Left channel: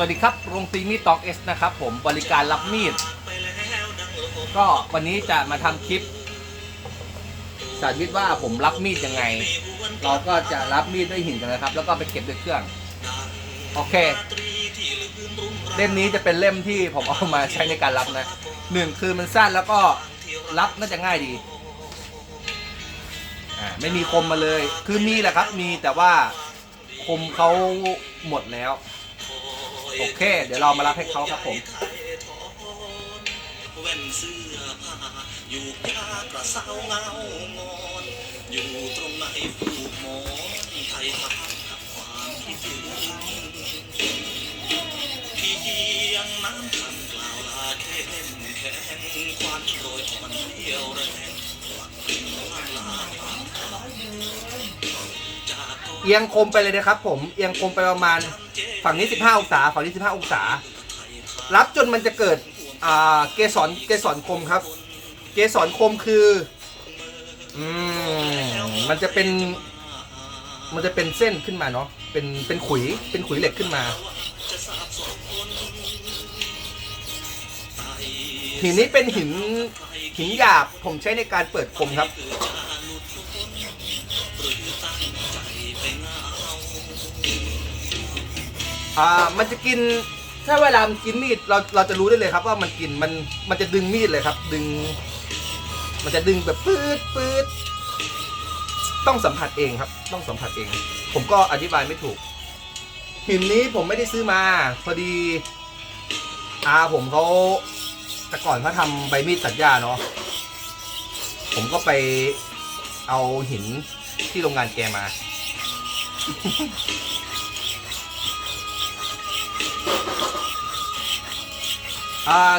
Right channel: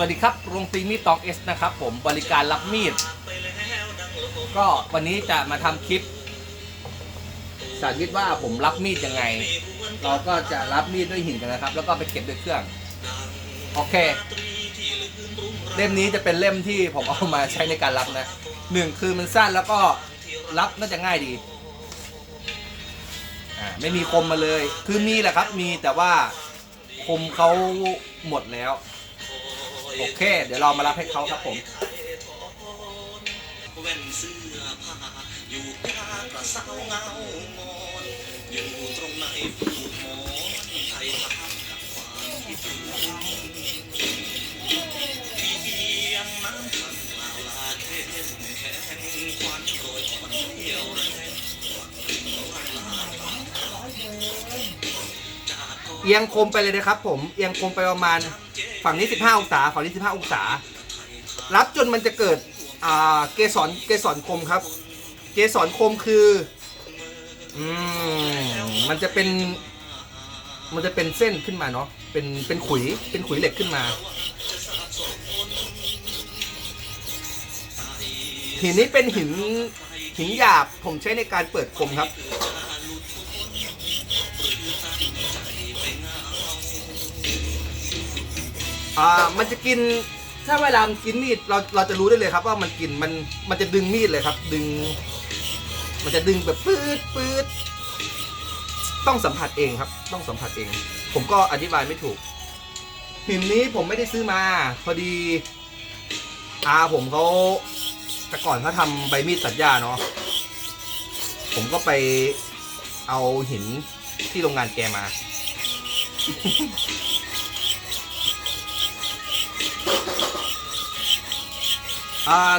สวัสดีครับ โรงตีมีดตองเอสนะครับผมบริการรับมีด ก็วันนี้จะมาทำคลิป สาธิตว่าผมรับมีดยังไง เราก็จะรับมีดด้วยหินกันนะครับ แล้วก็ไปเก็บด้วยเครื่อง โอเค เล่มนี้จะเป็นเล่มที่ผมเอามาใช้ในการรับนะหนึ่งคือมันสั้นแล้วก็รับน่าจะง่ายดี อ่าไม่มีคมมาเลย คือมีแหละครับ มีแต่ว่าคมเขาหมดแล้ว โอเค เดี๋ยวเรามารับให้เขาครับผมอยู่ยากระเซาเงางอนอยู่ตรงไหนผูกมอนไทยทำกับความคิดถึงเพียงน้ำคำกล่าวลาเข้มแข็งความโปรยอ่อนเดียวแรงเอียงคมไปเลยนะครับผม เอียงคมไปประมาณ ฝั่งนี้ 15 องศาฝั่งนี้ 15 องศา รับจนมันจะเกิดเกสรเกสรคมครับ เกสรคมคืออืมมันจะเป็น มันจะเป็นเส้นขึ้นมาเนาะเป็นเป็นขุยเป็นขุยเหล็กขึ้นมา หินนี้เป็นหินหินหยาบผมใช้ในการเปิดคมครับ อ่ามันจะกินถ้าเวลามันกินมีดเราเราจะรู้ได้เลยครับ ว่ามันกินมันมันจะดึงมีดเลยครับ ดึง มันจะดึงแบบปื๊ดปื๊ดต้องสัมผัสเองครับ ต้องสัมผัสเอง ผมก็อธิบายไม่ถูก หินนี้ผมไม่ได้ซื้อมา พอดีอาผมเขาแต่ก่อนเขาทำใบมีดตัดหญ้าเนาะผมก็ไปเอาหินที่โรงงานแกมาอ่า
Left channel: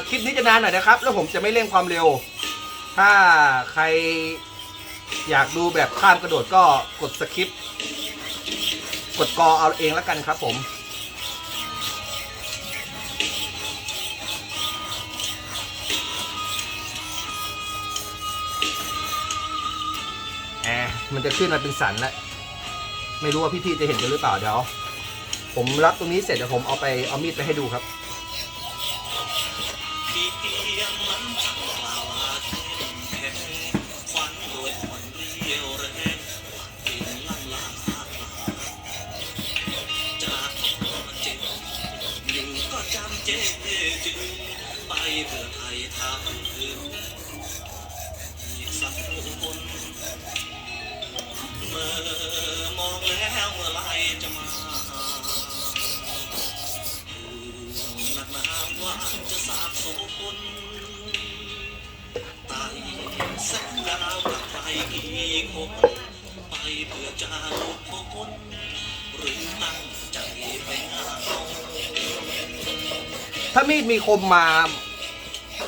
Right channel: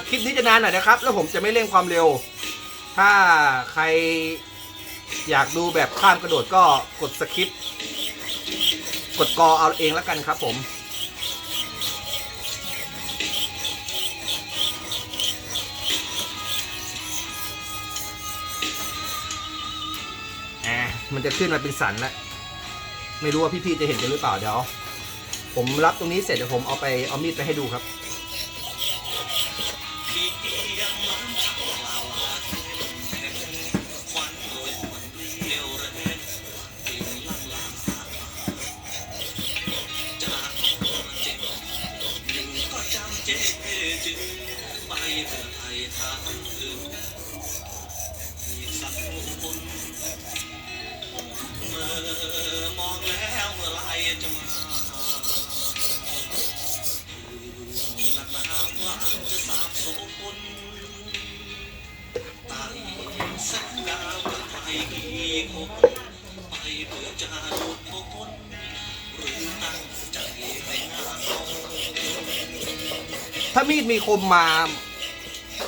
คลิปนี้จะนานหน่อยนะครับ แล้วผมจะไม่เร่งความเร็ว ถ้าใครอยากดูแบบข้ามกระโดดก็กดสคริปกดกอเอาเองแล้วกันครับผมอ่ามันจะขึ้นมาเป็นสันแล้ว ไม่รู้ว่าพี่ๆจะเห็นกันหรือเปล่าเดี๋ยว ผมรับตรงนี้เสร็จเดี๋ยวผมเอาไปเอามีดไปให้ดูครับ มอมองแล้วเมื่อไรจะมา ถ้ามีดมีคมมา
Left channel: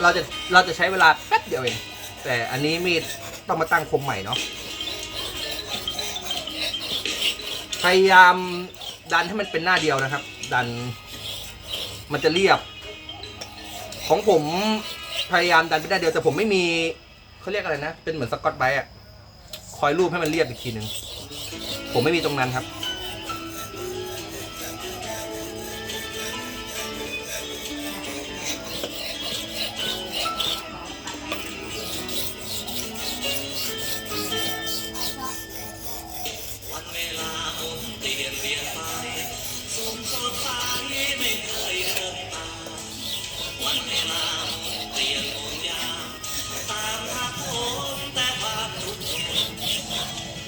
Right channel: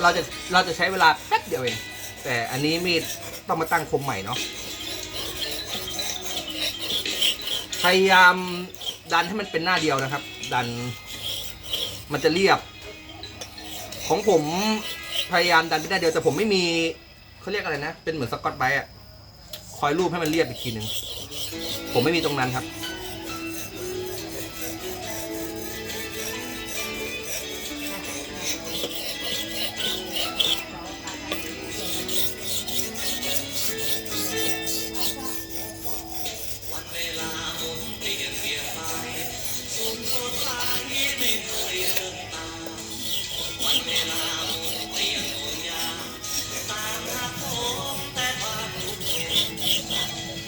เราจะเราจะใช้เวลาแป๊บเดียวเองแต่อันนี้มีดต้องมาตั้งคมใหม่เนาะพยายามดันให้มันเป็นหน้าเดียวนะครับ ดันมันจะเรียบ ของผมพยายามดันไปได้เดียวแต่ผมไม่มีเขาเรียกอะไรนะ เป็นเหมือนสกอตไบรท์อะคอยรูปให้มันเรียบอีกทีหนึ่งผมไม่มีตรงนั้นครับ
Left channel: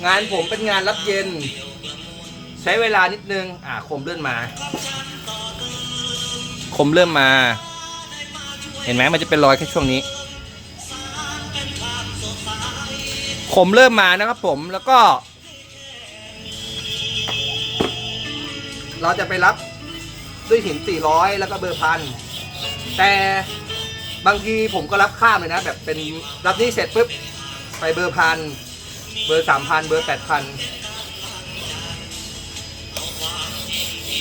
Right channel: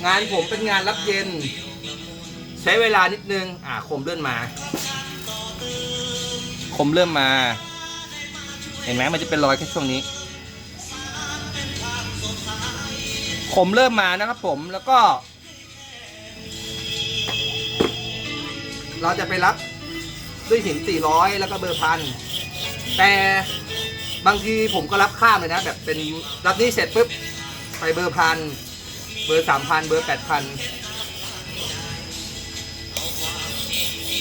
งานผมเป็นงานรับเย็น ใช้เวลานิดนึง อ่าคมเลื่อนมา คมเริ่มมา เห็นไหมมันจะเป็นรอยแค่ช่วงนี้ คมเริ่มมานะครับผมแล้วก็ เราจะไปรับด้วยหิน400 แล้วก็เบอร์พันแต่บางทีผมก็รับข้ามเลยนะ แบบเป็นรับนี่เสร็จปุ๊บไปเบอร์พัน เบอร์สามพันเบอร์แปดพัน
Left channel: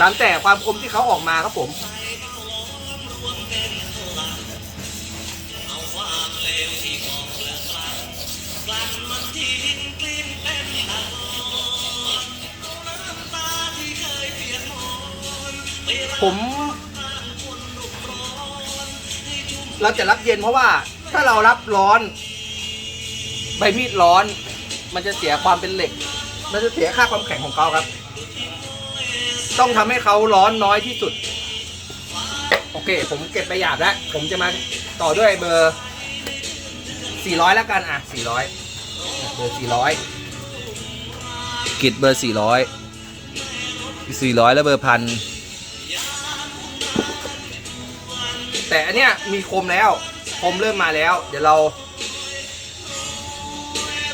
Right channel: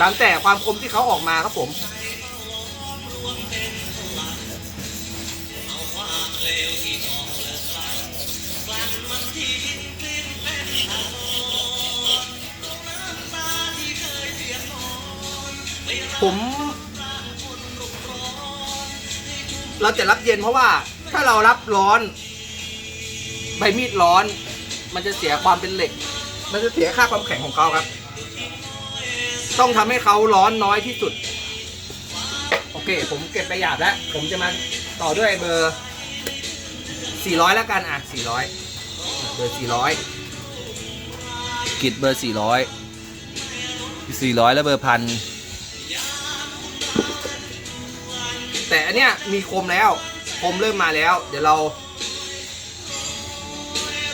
ตามแต่ความคมที่เขาออกมาครับผมผม เราจะรับเย็นเพราะว่าถ้าเรารับร้อน ใบมีดร้อน มันจะเสียความเป็นเหล็ก มันจะเสียค่าความแข็งของเขาครับ ต้องทำให้เขาร้อนน้อยที่สุด โอเค ผมเก็บไปหยาบแล้ว ผมจะมาต่อด้วยเบอร์ 400 แล้วกันอะ 400 เบอร์ 400กิดเบอร์ 400 400 แล้วเบอร์พันแต่อันเนี้ยมีคมแล้ว คมเริ่มมาแล้ว เดี๋ยวเรา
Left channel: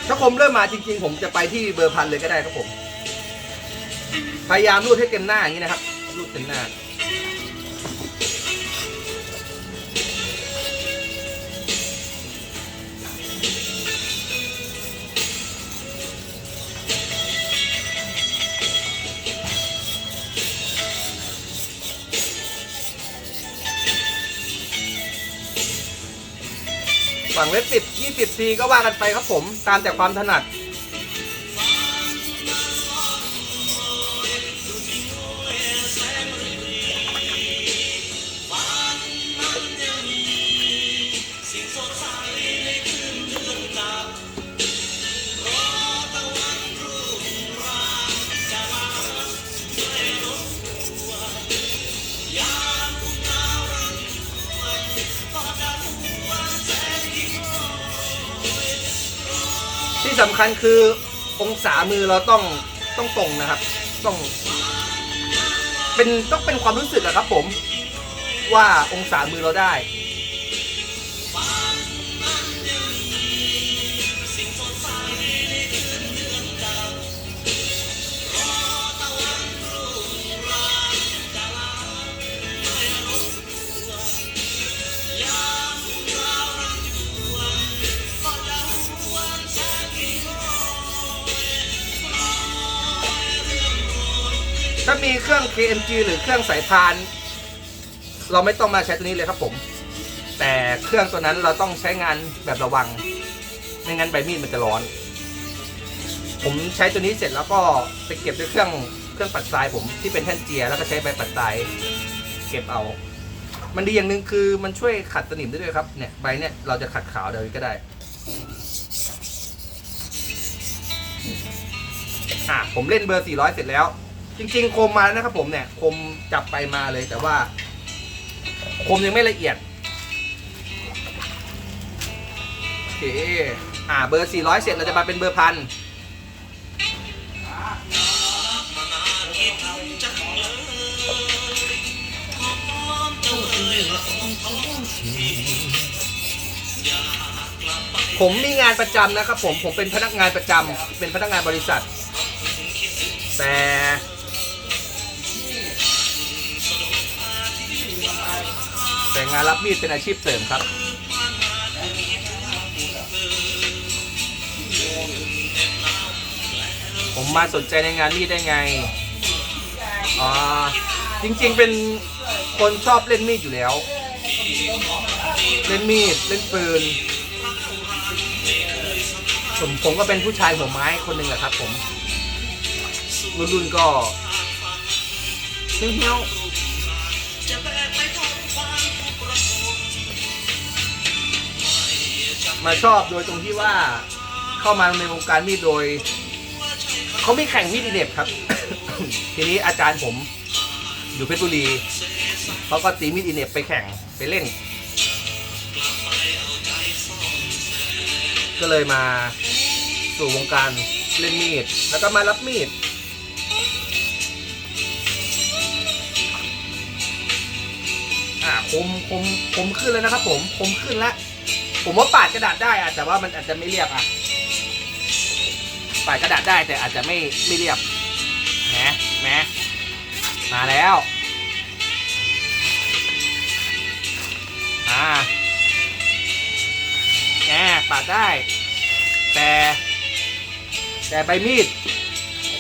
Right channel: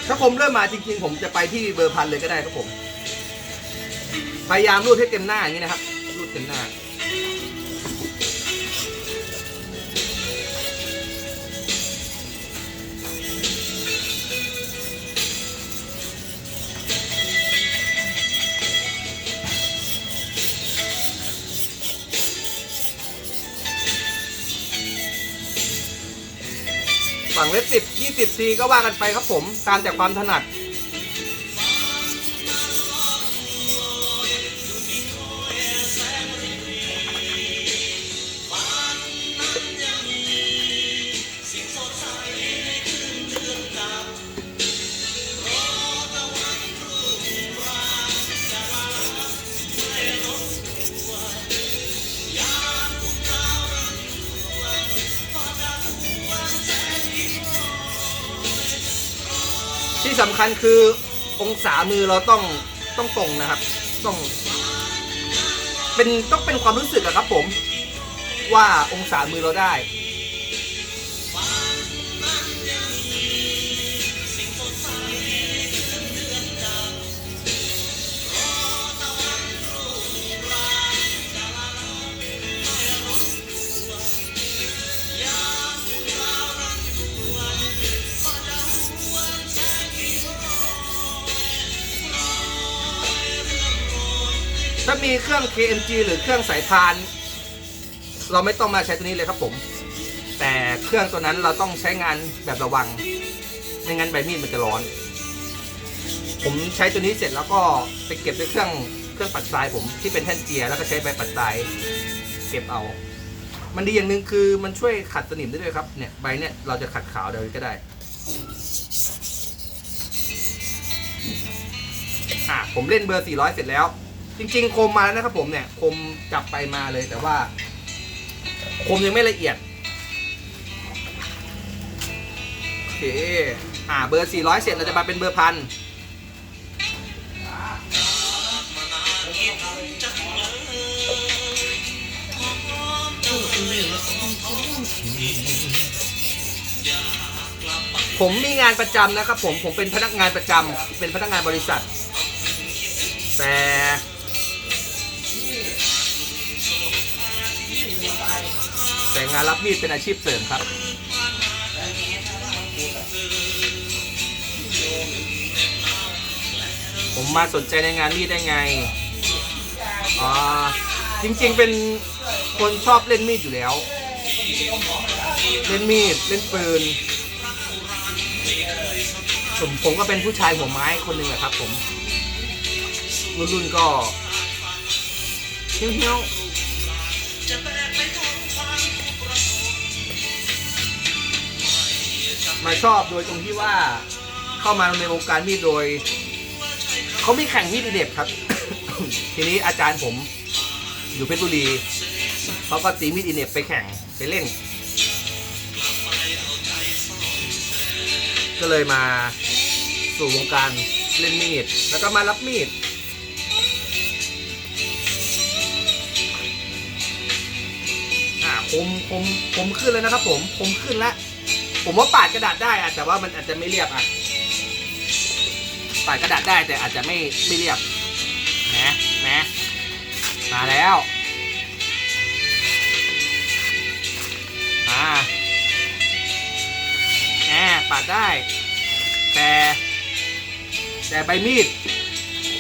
ถ้าผมเริ่มมาจริง ๆ ผมจะไปที่เบอร์พันเลยก็ได้ครับผม พยายามรูดให้เต็มหน้าอย่างนี้นะครับ รูดเต็มหน้า ฝั่งเล็บสิบยี่สิบทีก็ว่ากันไปครับผม ตามแต่ความถนัด สำคัญคือองศามือเราต้องต้องตรงนะครับ ต้อง เป็นต้องเป็นความรู้สึกอะครับผม ว่าองศามือเราได้ มีเครื่อง KMG หรือเครื่องสายพาน เราไม่ต้องมาใช้ตัวนี้เลยครับผม แต่เครื่องตัวนั้นเราต้องใช้งานแบบระวัง ไม่งั้นใบมีดมันจะร้อน ผมใช้ตัวนี้เสร็จแล้วก็ไปเก็บด้วยเครื่องเครื่องปัดทรายผมที่เป็นแท่นเจียแล้วก็ใช้ใบปัดทรายเก็บเอา มันดีอย่างหนึ่งคือมันช่วยขัดสนิมได้ด้วยครับ เนี่ยใบเนี่ยเราจะขัดขาวเดี๋ยวก็ได้อะผมเล่นเบอร์ 400 เสร็จแล้ว จริงๆ คมมาแล้วนะครับผมเนี่ย คมจับไปมาเลยแต่ว่า คมยังไม่ละเอียด โอเค อ่า เบอร์ 400 เสร็จเราจะมาเป็นเบอร์พันผมมีงานประจำนะครับผม ผมเป็นพนักงานประจำเป็นพนักงานบริษัท แต่ แต่งานรับมีดเป็นอาชีพเสริมครับ ผมมาสนใจในงานมีดได้ไงอ่าจริง ๆ เป็นคนชอบเล่นมีดอยู่แล้ว เล่นมีดเล่นปืนผมผมก็เป็นผู้ชายหัวไม้คนหนึ่งแหละครับ ผม รุ่นรุ่นๆก็เฮี้ยวๆ มาชอบโดยตรงที่ว่าเข้ามาในวงการมีดโดยเขาไมีแข่งมีดอีเด็บครับ ทีนี้อาจารย์ผมอยู่เพชรบุรีเขาก็ตีมีดอีเน็บไปแข่งไปเล่นก็เลยมาสู่วงการเล่นมีด แล้วก็มารับมีด อ่าคมคมคมขึ้นแล้วนะครับผมคมขึ้นแล้ว ผมว่าปาดกระดาษได้อะแต่ว่ามันอาจจะไม่เรียบอะปาดกระดาษได้แต่อาจจะไม่ไม่เรียบแหมแหมมาแล้วอ่าแหมปาดได้ แต่ แต่ใบมีด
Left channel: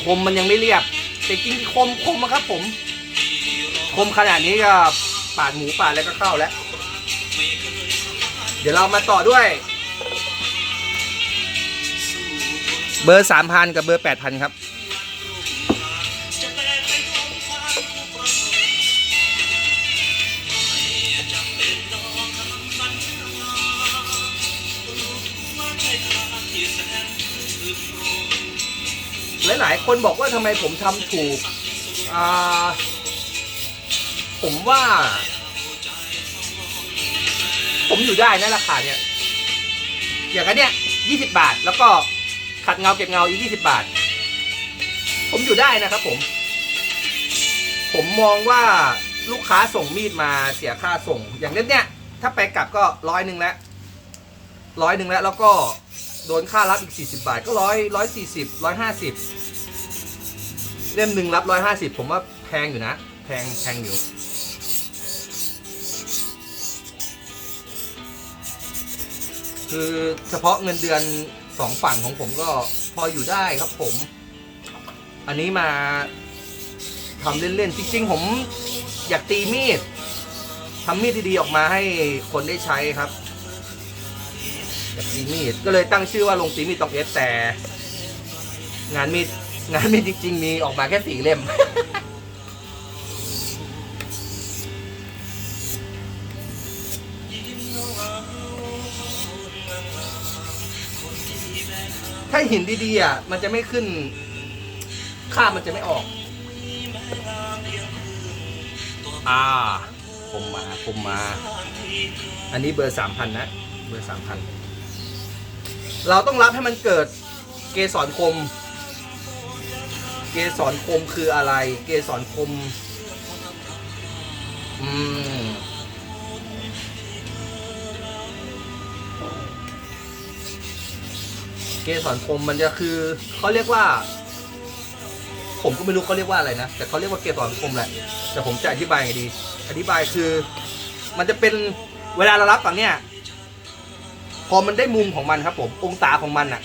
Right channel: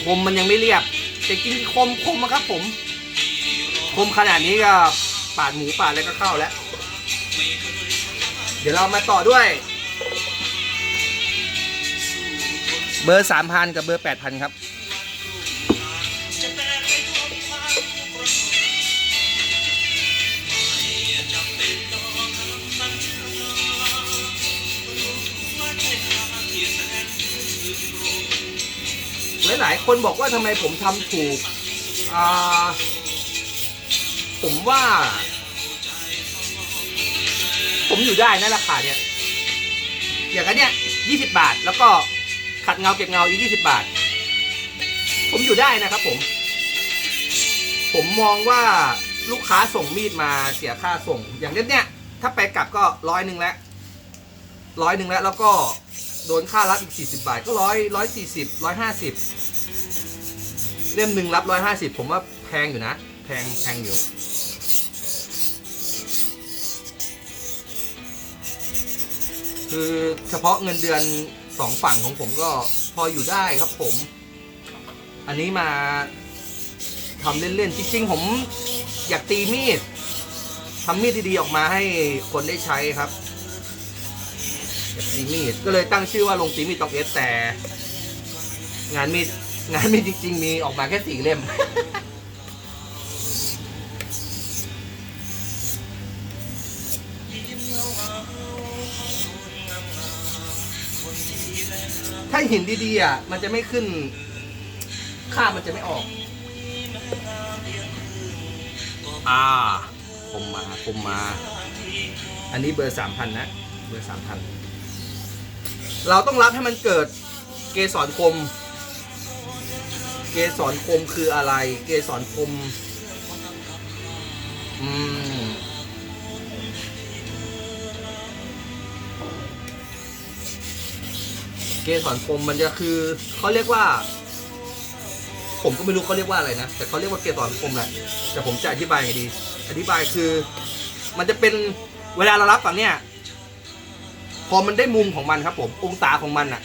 คมมันยังไม่เรียบ แต่จริงๆคมคมอะครับผม คมขนาดนี้ก็ปาดหมูปาดอะไรก็เข้าแล้ว เดี๋ยวเรามาต่อด้วย เบอร์สามพันกับเบอร์แปดพันครับ หลาย ๆ คนบอกว่าทำไมผมทำถูก อ่า ผมว่า ผมอยู่ได้นะราคาเนี่ย อย่างนั้นเนี่ยยี่สิบาท แล้วก็ขัดเงาเก็บเงาอีกยี่สิบาท ผมอยู่ได้นะครับผม ผมมองว่าลูกค้าส่งมีดมาเสียค่าส่ง อย่างเล่มเนี่ยถ้าไปกลับก็ร้อยหนึ่งแล้วร้อยหนึ่งแล้วแล้วก็โดนค่ารับอีกสี่สิบาทก็ร้อยร้อยสี่สิบร้อยห้าสิบเล่มหนึ่งรับร้อยห้าสิบผมว่าแพงอยู่นะ แพงแพงอยู่ คือเฉพาะเงินเดือนสองฝั่งของผมก็พออยู่ได้ครับผม อันนี้มาทำเล่นๆ จริงๆ ผมอยากตีมีดทำมีดดีๆ ออกมาให้คนได้ใช้ครับอยากตีมีดก็เลยตั้งชื่อว่าลงตีมีดตองเอสแต่ งานมีดงานมีดจริง ๆ มีออกมาแค่สี่เล่มาหินดีๆอะมันจะไม่ขึ้นค่ามันจะไม่ออก อ่า ผมมาผมมา อันนี้เบอร์สามพันนะ เบอร์สามพัน เราต้องรับให้มันเกิดเกสรคม เกสรคมคืออะไร เกสรคม อืม เกสรคมมันจะคือเขาเรียกว่า ผมก็ไม่รู้เขาเรียกว่าอะไรนะ แต่เขาเรียกว่าเกสรคมแหละแต่ผมจะอธิบายไงดี อธิบายคือ มันจะเป็นเวลาเรารับฝั่งเนี้ยพอมันได้มุมของมันครับ ผมองศาของมันอะ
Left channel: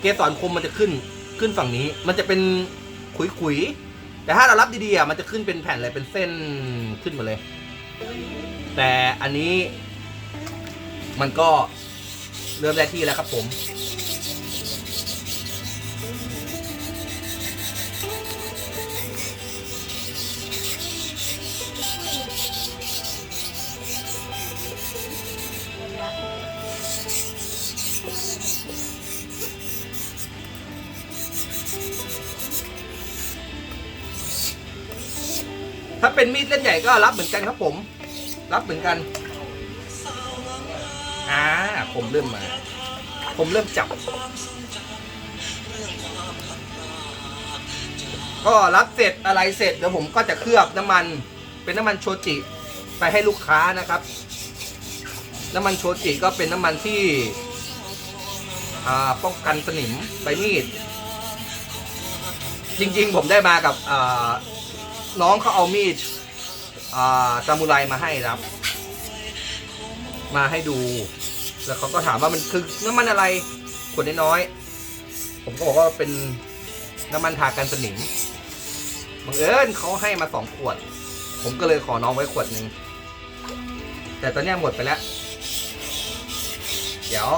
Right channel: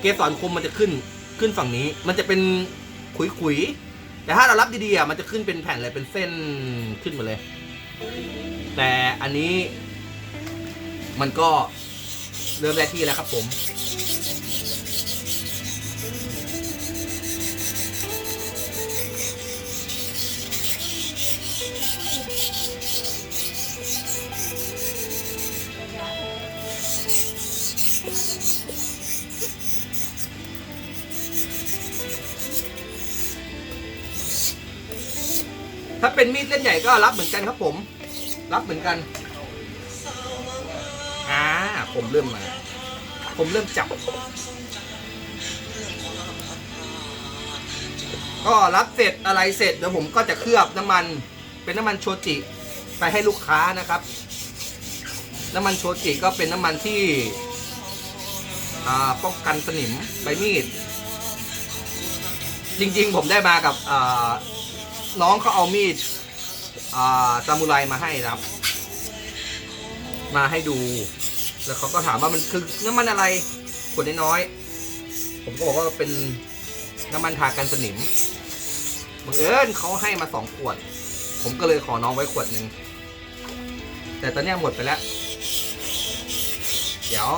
เกสรคมมันจะขึ้นขึ้นฝั่งนี้ มันจะเป็นขุยๆแต่ถ้าเรารับดีๆอะมันจะขึ้นเป็นแผ่นเลยเป็นเส้นขึ้นมาเลย แต่อันนี้มันก็เริ่มได้ที่แล้วครับผม เป็นใหญ่ก็รับเหมือนกันครับผม รับเหมือนกันอ่าผมเริ่มมา ผมเริ่มจับ ก็รับเสร็จอะไรเสร็จเดี๋ยวผมก็จะเคลือบน้ำมัน เป็นน้ำมันโชจิไปให้ลูกค้านะครับ น้ำมันโชจิก็เป็นน้ำมันที่อ่าป้องกันสนิมใบมีด จริงๆ ผมได้มากับอ่าน้องเขาเอามีด ซามูไรมาให้ครับ มาให้ดู แล้วเขาก็ถามว่ามันคือน้ำมันอะไรขวดน้อยๆผมก็บอกว่าเป็นน้ำมันทากันสนิมบังเอิญเขาให้มาสองขวด ผมก็เลยขอน้องไว้ขวดหนึ่งแต่ตอนนี้หมดไปแล้ว เดี๋ยว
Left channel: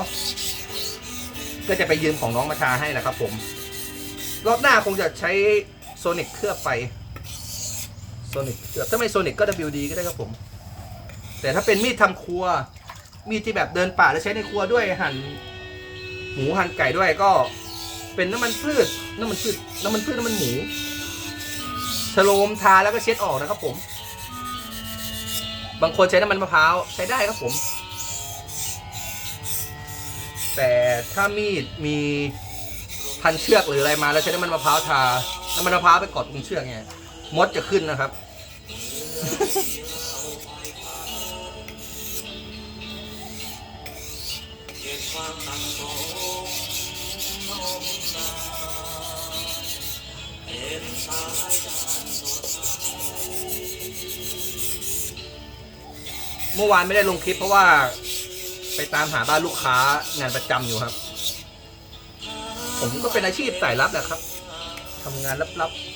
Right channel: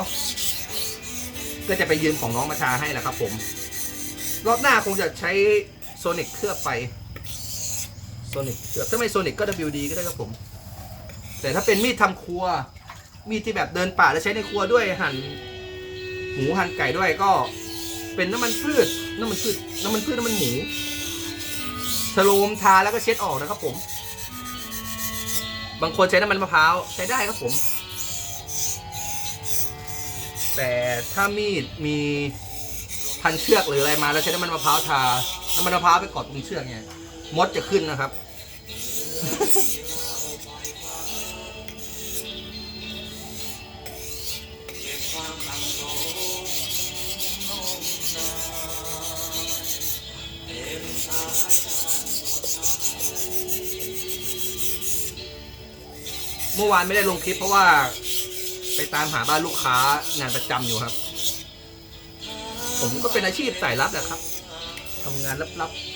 ก็จะไปยืมของน้องมาทาให้แหละครับผม รอบหน้าคงจะใช้โซนิกเคลือบไป โซนิกเคถ้าไม่โซนิกก็ WD ก็ได้ครับผม แต่ถ้าเป็นมีดทำครัว มีดที่แบบเดินป่าแล้วใช้ในครัวด้วยหั่นหมูหั่นไก่ด้วยก็ เป็นน้ำมันพืชน้ำมันพืชน้ำมันพืชน้ำมันหมูชโลมทาแล้วก็เช็ดออกนะครับผม บางคนใช้น้ำมันมะพร้าวใช้ได้ครับผม แต่ถ้ามีดมีพันเชือกหรืออะไรมาแล้วใช้น้ำมันมะพร้าวทา น้ำมันมะพร้าวไปกอดตรงเชือกไงมดจะขึ้นนะครับ เมื่อวานไม่ได้ลงคลิปเพราะว่า ไปตามหาบ้านลูกค้างานประจำอยู่ครับ ผมก็เป็นอาชีพสายลับแหละครับทำงานลับๆ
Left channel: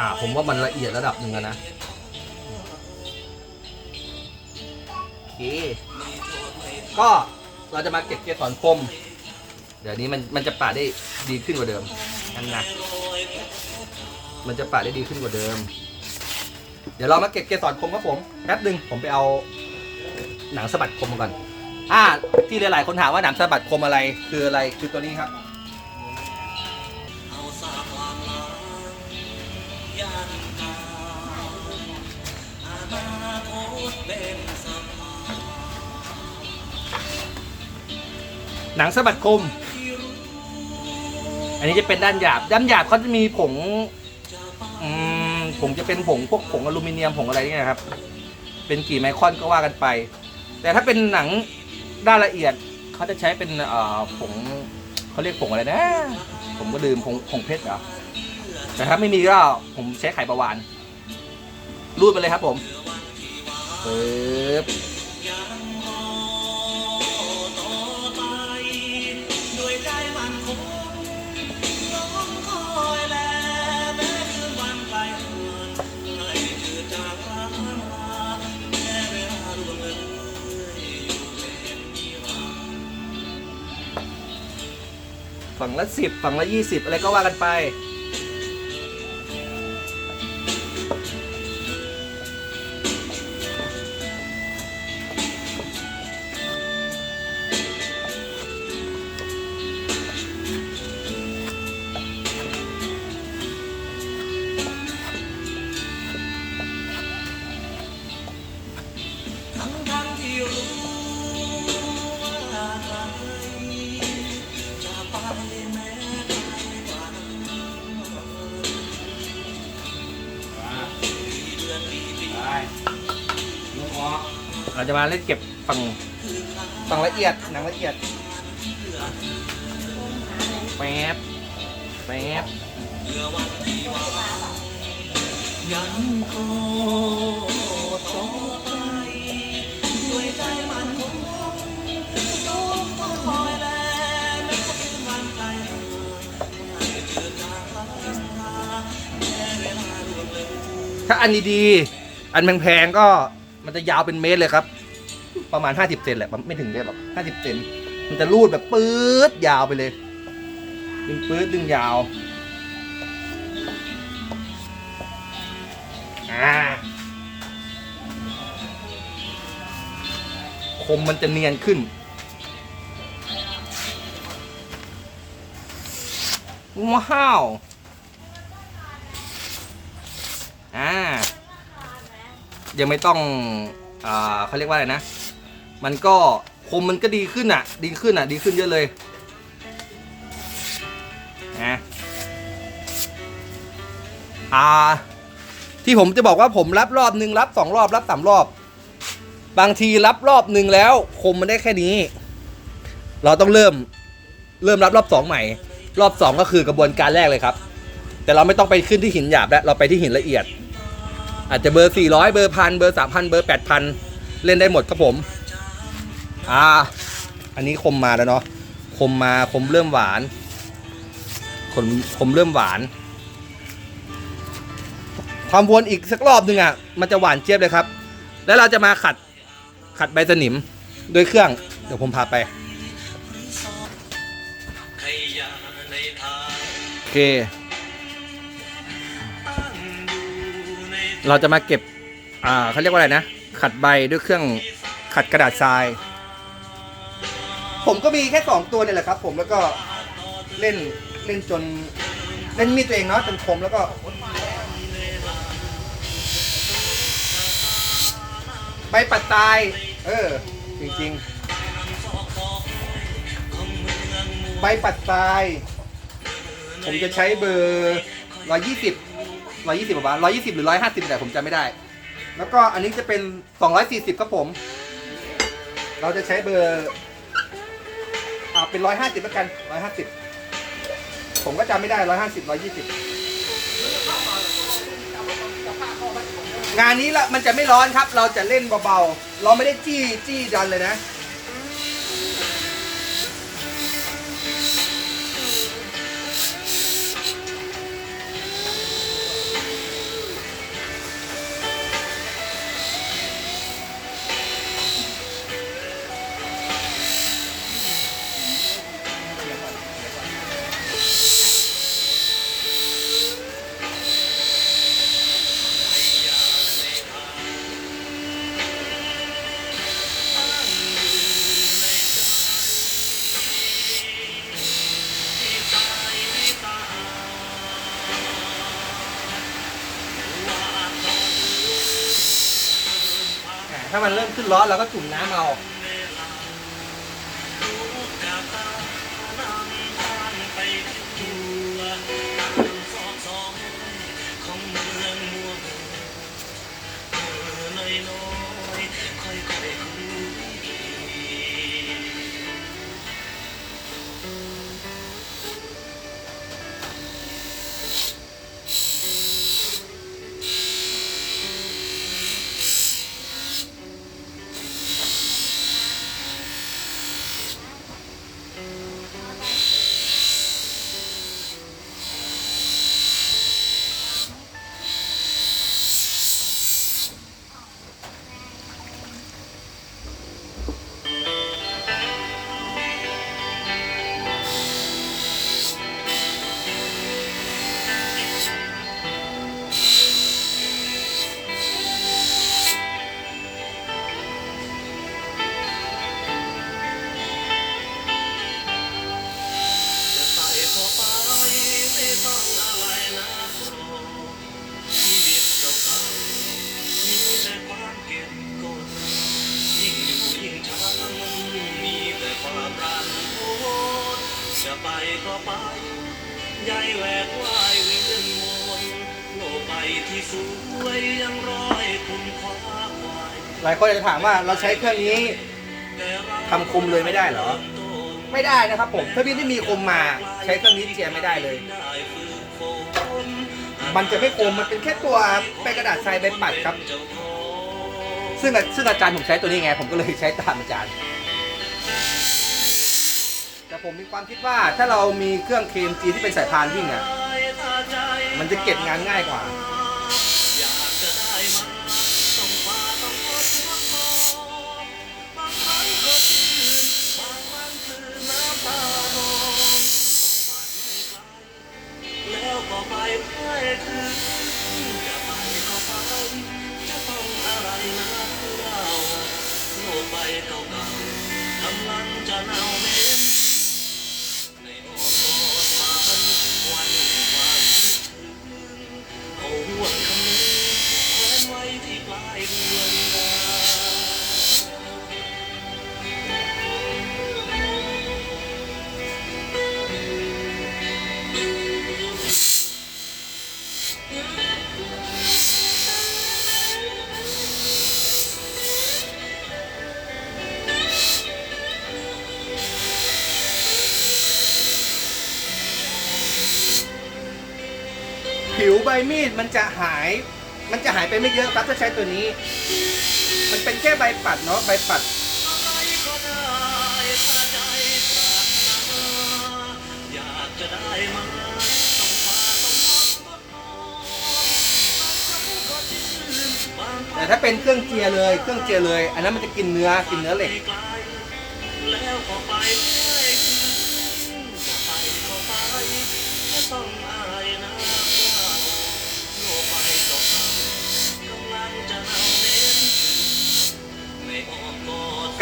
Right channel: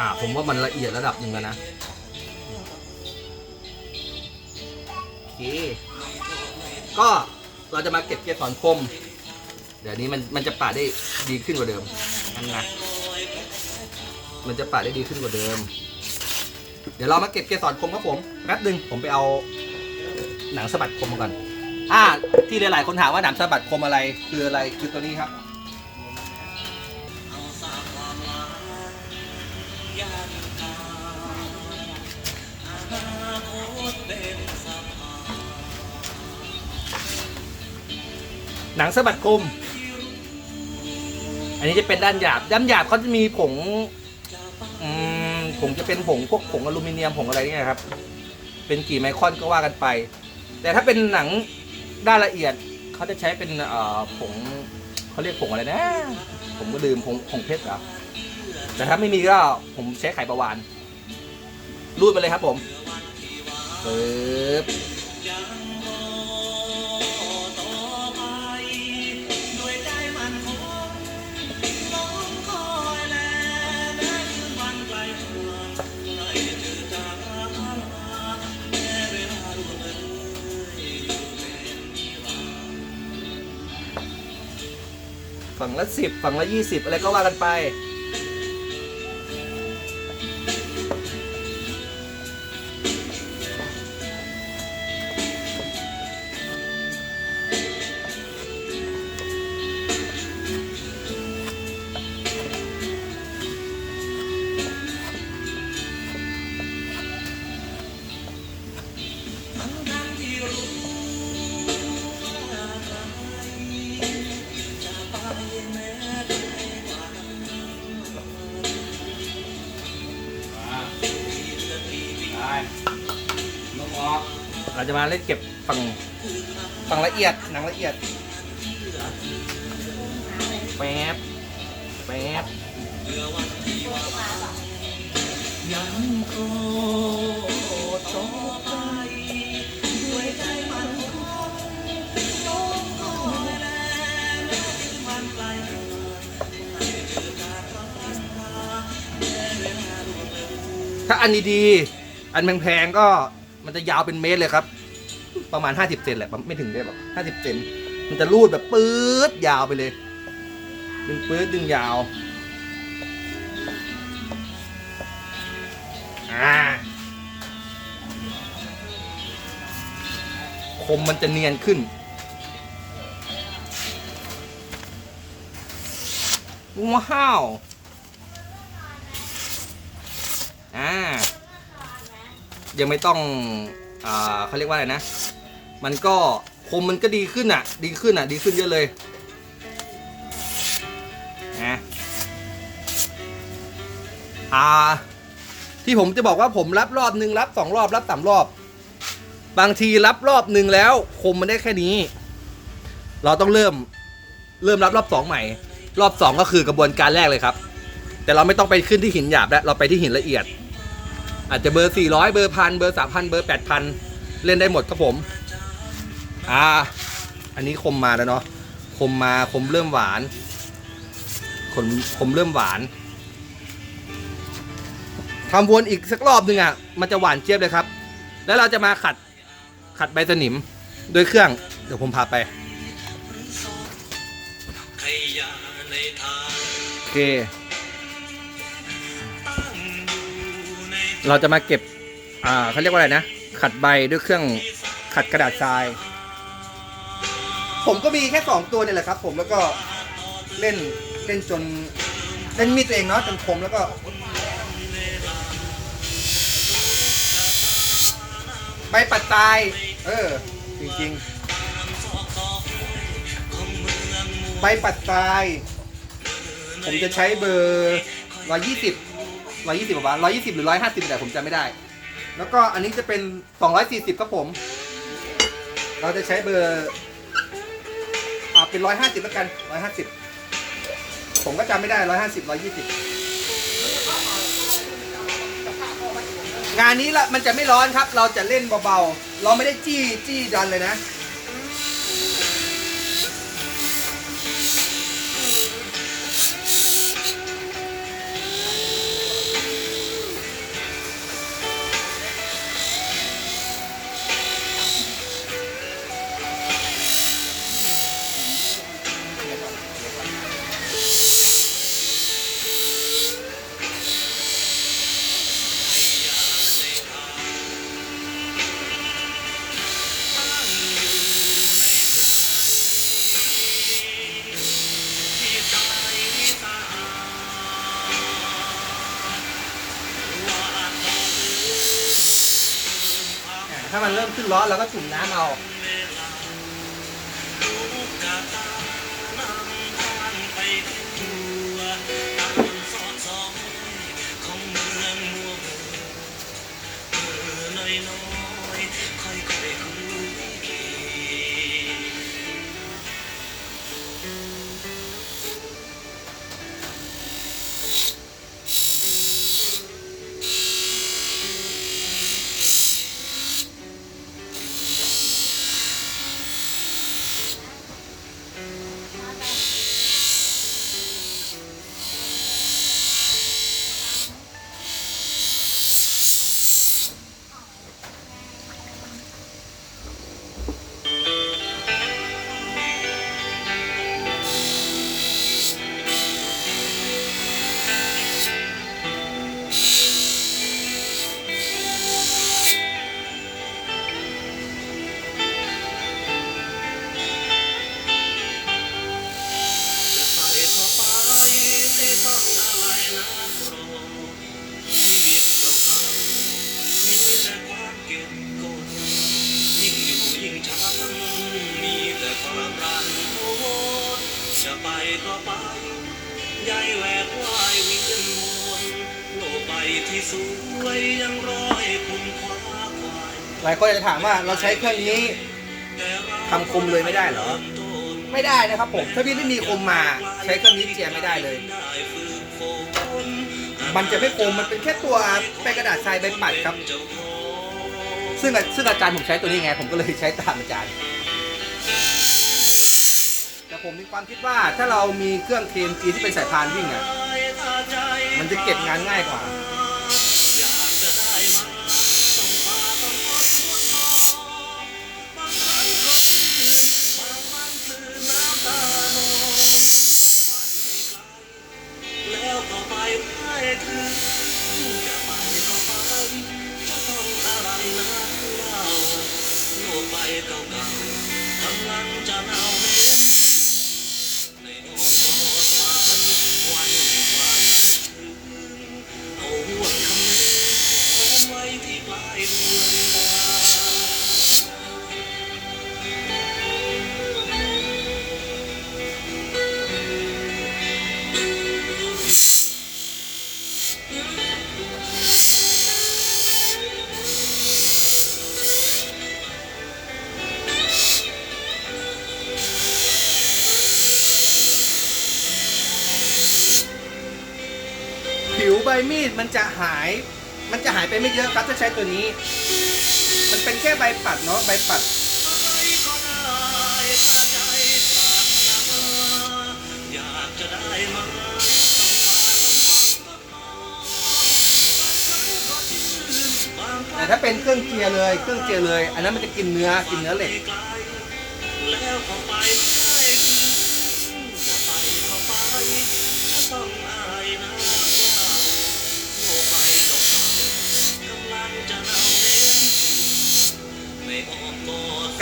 อ่า ผมว่ามันละเอียดระดับหนึ่งแล้วนะโอเคก็เราจะมาเก็บเกสรคม เดี๋ยวนี้มันมันจะปาดได้ดีขึ้นกว่าเดิมนั่นนะมันจะปาดได้ดีขึ้นกว่าเดิม เดี๋ยวเรามาเก็บเกสรคมครับผมแป๊บหนึ่งผมไปเอาหนังสะบัดคมมาก่อน อ่า ที่หลายๆคนถามว่าหนังสะบัดคมอะไรคืออะไรคือตัวนี้ครับ หนังสะบัดคม อันนี้จะเป็นด้านหยาบ ด้านหยาบเขาจะมีผงอืมผงจะเป็นผงพวกผงอลูมิเนียมผงอะไรเนี่ยครับ เป็นกี่ไมครอนก็ว่ากันไป แต่ถ้าเป็นหนังด้านละเอียดเขาจะใช้เป็นเอ่อผงเขาเรียกผงอะไรนะ ผมก็ลืมผงผงเพชรเหรอแต่ถ้าไม่มีก็ผมใช้ไข่ประวานรูดไปเลยครับผมปึ๊บ ฝั่งละสิบฝั่งละยี่สิบอะไรก็ว่ากันไป จะมาเล่นเก็บฝั่งฝั่งละเอียดหนังละเอียดแป๊บแป๊บยังคงต่อไปด้วยใจมันคงต้องคอยแลแม้ถึงวันไกลห่างให้เธอจากรักมาแม้เวลาล่วงเลยถ้าอันดีๆอันแพงๆก็ มันจะยาวเป็นเมตรเลยครับ ประมาณ50เซนแหละไม่ถึงเมตรหรอก50เซนมันจะรูดแบบปื๊ดยาวไปเลยดึงปื๊ดดึงยาวอ่าคมมันจะเนียนขึ้นว้าว อ่า ยังไม่ต้องอ่าเขาเรียกว่าอะไรนะ มันก็คมมันก็ดีขึ้นอะ ดีขึ้นอะ ดีขึ้นเยอะเลยนะอ่า ที่ผมจะบอกว่าผมรับรอบหนึ่งรับสองรอบรับสามรอบ บางทีรับรอบหนึ่งแล้ว คมมันได้แค่นี้ เราต้องเริ่ม เริ่มรับรอบสองใหม่ รอบสองก็คือกระบวนการแรกเลยครับ แต่เราไม่ต้องไปขึ้นที่หินหยาบแล้วเราไปที่หินละเอียด อาจจะเบอร์ 400 เบอร์พันเบอร์ 3,000 เบอร์ 8,000 เล่นได้หมดครับผม อ่า อันนี้คมมาแล้วเนาะคมมาคมเริ่มหวานคมคมเริ่มหวานทำวนอีกสักรอบหนึ่งอะ มันจะหวานเจี๊ยบเลยครับ แล้วเราจะมาขัดขัดใบสนิมโดยเครื่อง เดี๋ยวผมพาไปโอเค เราจะมาเก็บ อ่าเขาเรียกว่าอะไรนะ ขัดใบด้วยเครื่องขัดกระดาษทราย ผมก็มีแค่สองตัวเนี่ยแหละครับ ผมแล้วก็เล่นเล่นจน เล่นมีดตัวเองเนาะจนคมแล้วก็ใบปัดทราย เออ จริงๆ ใบปัดทราย ผมจะใช้เบอร์ร้อยยี่สิบ ร้อยยี่สิบประมาร้อยยี่สิบหรือร้อยห้าสิบแต่ผมจำไม่ได้ แล้วก็อันนี้จะเป็นสองร้อยสี่สิบครับผม เราจะใช้เบอร์อ่าเป็นร้อยห้าสิบแล้วกันร้อยห้าสิบผมก็จำไม่ได้ร้อยห้าสิบร้อยยี่สิบงานนี้ละมันจะไม่ร้อนครับ เราจะเล่นเบาๆ เราไม่ได้จี้จี้ดันเลยนะ มันเริ่มขึ้นร้อนเราก็จุ่มน้ำเอา คนอาจจะถามว่าเราใช้เครื่องนี้แต่เราทำคมเลยไม่ได้เหรอ ไม่ได้นะครับผม ถ้าพี่ไม่มีคมมาใช้เครื่องนี้เจียไม่ได้เลย มันจะไม่คมมันเป็นแค่ตัวแป้งกระดาษทรายใบปัดครับ ซึ่งซึ่งอาจารย์ผมใช้ตัวนี้ไง ผมก็เลยใช้ตามอาจารย์ แต่ผมมีความคิดว่าถ้าเรามีเครื่องเคมจีที่เป็นสายพานวิ่งอะ มันจะเก็บงานง่ายกว่า ไปก็ไปจะต้องอะไรนะเราโลกใบเก่าๆกำลังจะเน่า บมีดมันจะหาย มันจะหายไปไม่เยอะครับถ้าใช้ตัวนี้ มันเป็นแค่ใบปัดเนาะใบปัด แต่ถ้าเป็นเครื่องเจียร์เลย เครื่องเจียร์เลย อันนั้นมันจะกินเนื้อกินเนื้อเหล็ก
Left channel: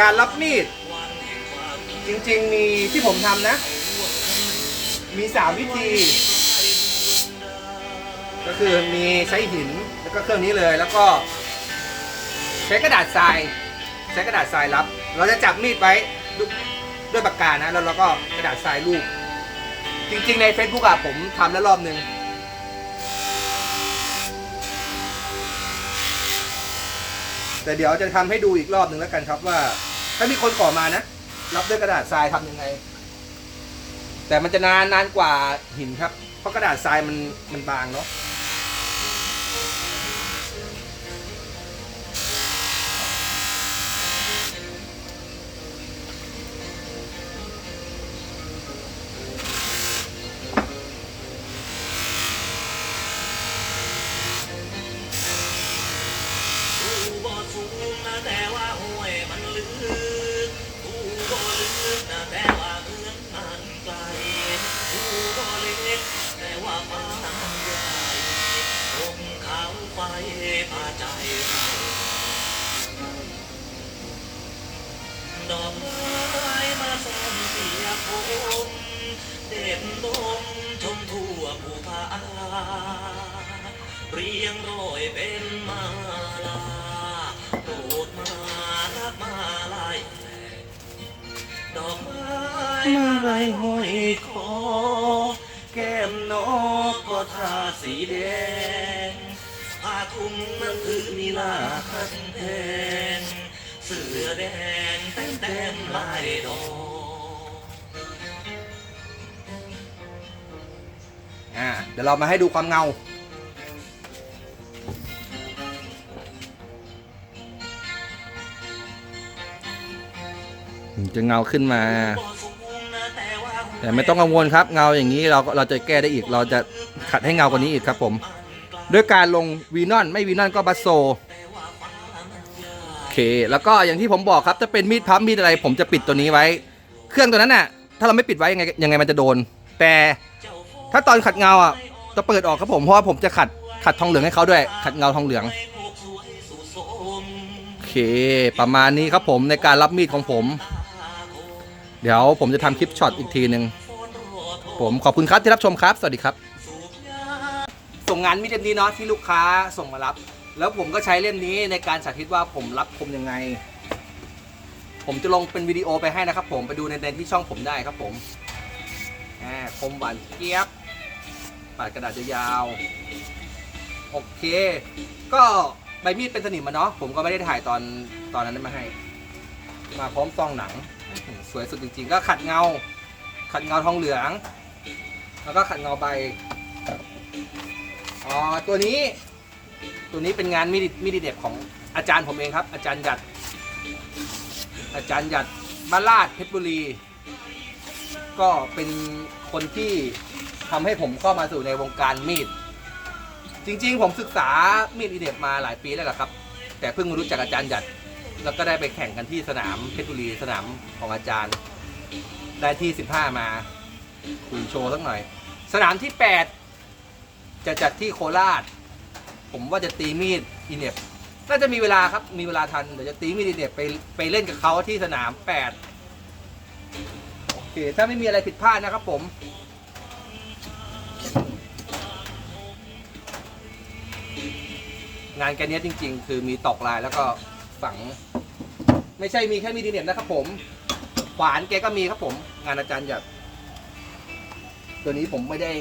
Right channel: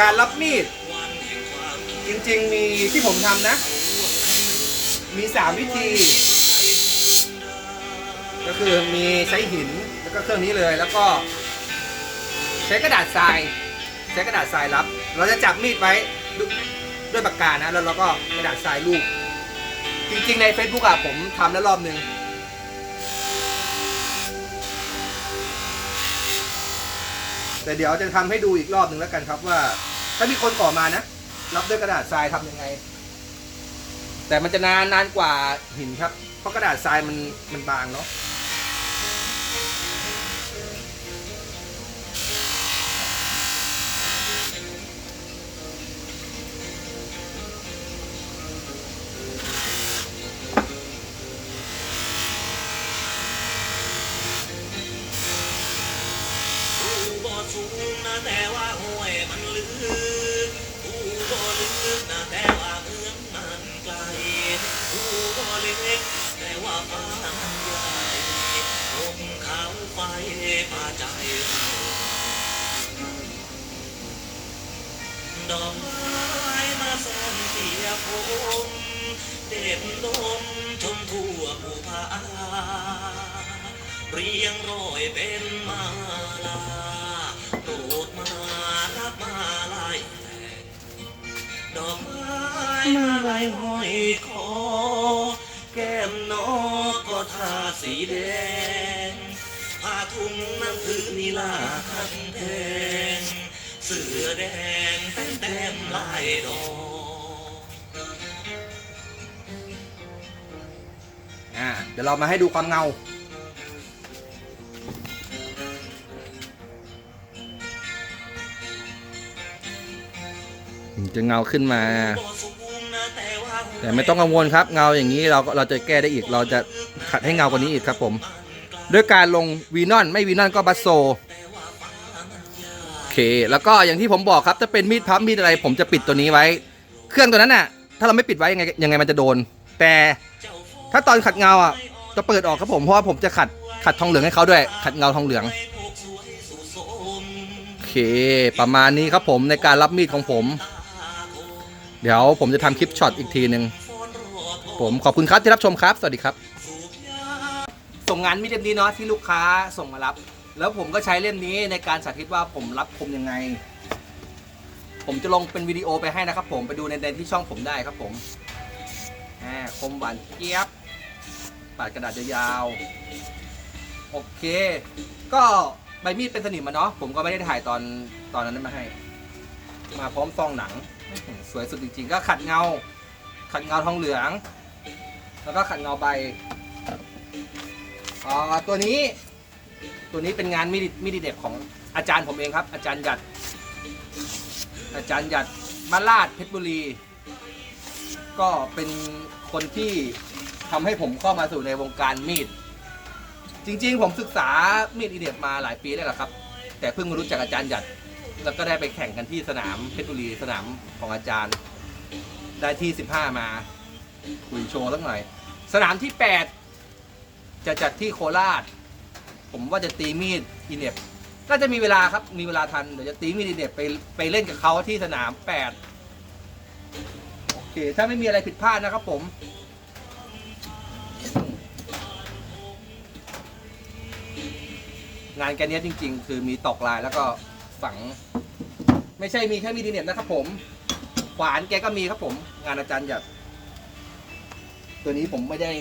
การรับมีด จริงๆมีที่ผมทำนะห่วงคำนึงมี3วิธี ก็คือมีใช้หินแล้วก็เครื่องนี้เลยแล้วก็ ใช้กระดาษทราย ใช้กระดาษทรายรับ เราจะจับมีดไว้ด้วยด้วยปากกานะ แล้วเราก็กระดาษทรายรูปจริง ๆ ใน Facebook อะผมทำแล้วรอบนึง แต่เดี๋ยวจะทำให้ดูอีกรอบหนึ่งแล้วกันครับว่า ถ้ามีคนขอมานะ รับด้วยกระดาษทรายทำยังไง แต่มันจะนานนานกว่าหินครับ เพราะกระดาษทรายมันมันบางเนาะ คมเด่นดมชมทั่วภูผาเรียงร้อยเป็นมาลาโปรดมารับมาลายดอกไม้มาลายห้อยคอแก้มนกก็ทาสีแดงผ้าทุ่งนั้นคือนีลาคันแทงเสือแดงเต็มเต็มลายดอก ดี๋ยวเรามาให้ดูความเงา จะเงาขึ้นมา แต่ไม่ต้องกังวลครับ เงาอย่างนี้เราเราจะแก้ได้อีก เราจะขัดให้เงากว่านี้อีกครับผม ด้วยการลงวีนอนไม่วีนอนก็บัสโซโอเค แล้วก็อย่างที่ผมบอกครับถ้าเป็นมีดพับมีดอะไร ผมจะปิดตัวนี้ไว้ เครื่องตัวนั้นน่ะ ถ้าเราไม่ปิดไว้ยังไงยังไงมันจะโดน แต่ถ้าตอนขัดเงาอะ จะเปิดออกครับผมเพราะว่าผมจะขัดขัดทองเหลืองให้เขาด้วย ขัดเงาทองเหลืองโอเค ประมาณนี้ครับผมในการรับมีดของผม เดี๋ยวผมจะทำคลิปช็อตอีกทีหนึ่งผมขอบคุณครับที่รับชมครับ สวัสดีครับ ส่งงานมีดเล่มนี้เนาะที่ลูกค้าส่งมารับ แล้วผมก็ใช้เล่มนี้ในการสาธิตว่าผมรับคมยังไง ผมจะลงเป็นวิดีโอไปให้นะครับ ผมไปดูในในที่ช่องผมได้ครับผมอ่าคมหวานเจี๊ยบ ปาดกระดาษยาวๆโอเค ก็ใบมีดเป็นสนิมมาเนาะผมก็ไม่ได้ถ่ายตอนตอนนั้นมาให้ มาพร้อมซองหนัง สวยสุดจริงๆ ก็ขัดเงา ขัดเงาทองเหลือง แล้วก็ขัดเงาใบอ่าตัวนี้ ตัวนี้เป็นงานมิดิมิดิเด็บของอาจารย์ผมเองครับ อาจารย์หยัด อาจารย์หยัดบ้านลาดเพชรบุรี ก็เป็นคนที่ ทำให้ผมเข้ามาสู่ในวงการมีด จริงๆ ผมศึกษามีดอีเด็บมาหลายปีแล้วล่ะครับ แต่เพิ่งรู้จักอาจารย์หยัด แล้วก็ได้ไปแข่งกันที่สนามเพชรบุรีสนามของอาจารย์ ได้ที่ 15 มา คุยโชว์สักหน่อย สนามที่ 8 จะจัดที่โคราช ผมว่าจะตีมีดอีเน็บน่าจะมีเวลาครับ มีเวลาทัน เดี๋ยวจะตีมีดอีเน็บไปไปเล่นกับเขาที่สนาม 8 โอเค ถ้าไม่มีอะไรผิดพลาดนะครับผม งานแกเนี้ยจริง ๆ คือมีตอกลายแล้วก็ฝัง ไม่ใช่มีแค่มีดีเน็บนะครับผมขวานแกก็มีครับผม งานอาจารย์หยัดตัวนี้ผมไม่ได้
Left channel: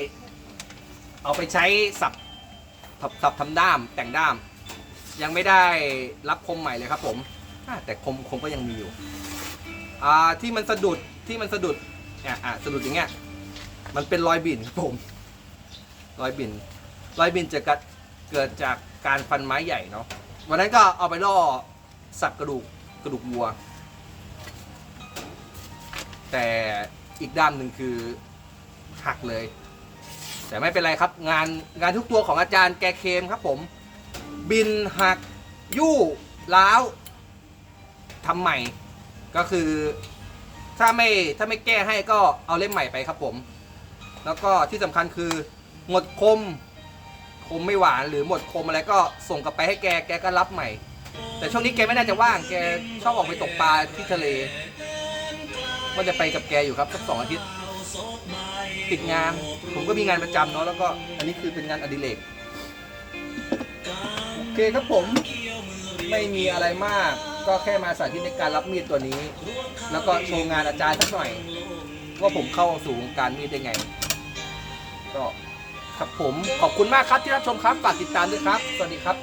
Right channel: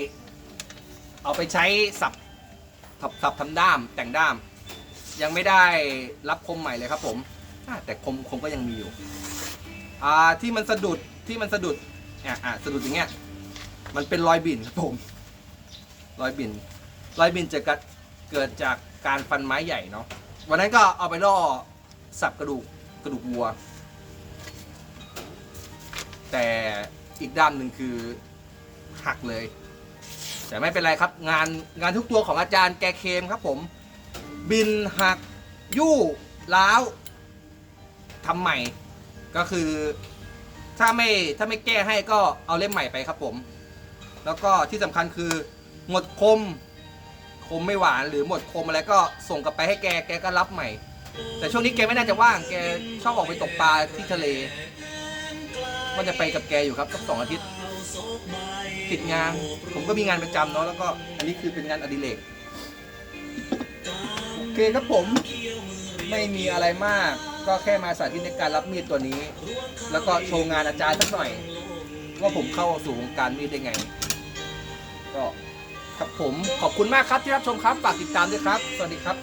เอาไปใช้สับสับสับทำด้ามแต่งด้าม ยังไม่ได้รับคมใหม่เลยครับผมอ่าแต่คมคมก็ยังมีอยู่อ่าที่มันสะดุดที่มันสะดุดอะอะสะดุดอย่างเงี้ยมันเป็นรอยบิ่นครับผม รอยบิ่นรอยบิ่นจะกัดเกิดจาก การฟันไม้ใหญ่เนาะวันนั้นก็เอาไปล่อสับกระดูกกระดูกวัว แต่อีกด้ามหนึ่งคือหักเลย แต่ไม่เป็นไรครับ งานงานทุกตัวของอาจารย์แกเคมครับผม บินหักยู่ล้าวทำใหม่ก็คือถ้าไม่ถ้าไม่แก้ให้ก็เอาเล่มใหม่ไปครับผม แล้วก็ที่สำคัญคือหมดคม คมไม่หวานหรือหมดคมอะไรก็ส่งกลับไปให้แกแกก็รับใหม่ แต่ช่วงนี้แกไม่น่าจะว่างแกชอบออกไปตกปลาที่ทะเลว่าจะไปกับแกอยู่ครับสักสองอาทิตย์ปิดงาน ผมก็มีงานประจำเนาะแล้วก็อันนี้คือเป็นงานอดิเรกโอเคครับผมไม่มีอะไรมาก ก็แค่มาสาธิตในการรับมีดตัวนี้ แล้วก็โชว์งานอาจารย์สักหน่อย ว่าผมเข้าสู่วงการมีดได้ไง ก็ ครับผมขอบคุณมากครับที่รับชมครับฝากติดตามด้วยครับ สวัสดีครับ